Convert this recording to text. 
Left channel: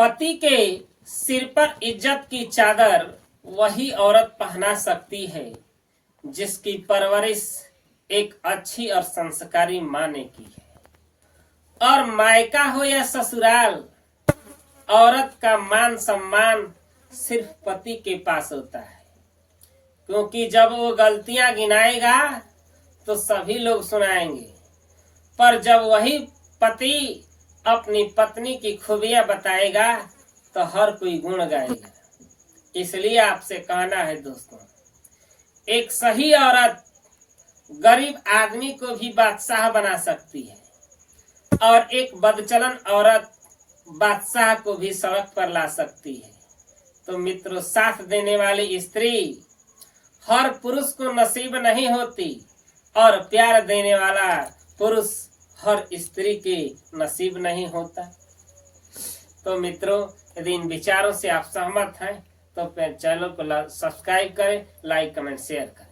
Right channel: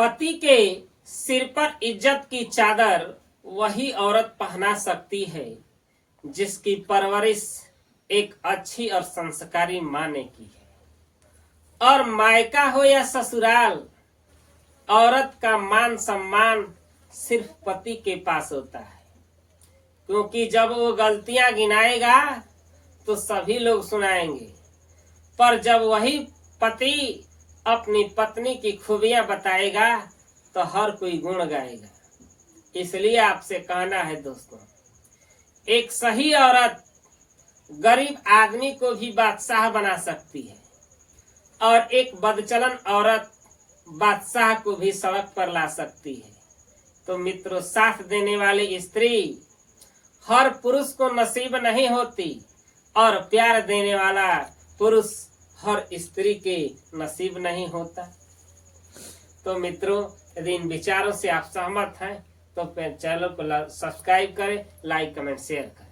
पति के सिर पर इज्जत की चादर वही औरत पहना सकती है जिसकी परवरिश एक अच्छी और संस्कारी माँ ने की है। और मायका हो या ससुराल, औरत का मान सम्मान सिर्फ पति के पास होता है, क्योंकि जब वो गलतियां गिनाएगा तो सभी लोग सुनाएंगे, पर जब वही पति अपनी पत्नी की खूबियां बताएगा तो हर कोई गुण गाएगा। इसलिए आपसे कहना है दोस्तों, एक सही औरत गरीब आदमी को भी बादशाह बना सकती है और एक बदचलन औरत बादशाह को भी सड़क पर ला सकती है। तो मित्रों, साथ देने वाली स्त्री हर पुरुष को नसीब नहीं होती और प्यार देने वाला पुरुष हर स्त्री के नसीब नहीं होता। तो मित्रों, यदि इन विचारों से आप सहमत हैं तो चैनल को सब्सक्राइब करें, लाइक कमेंट शेयर करें।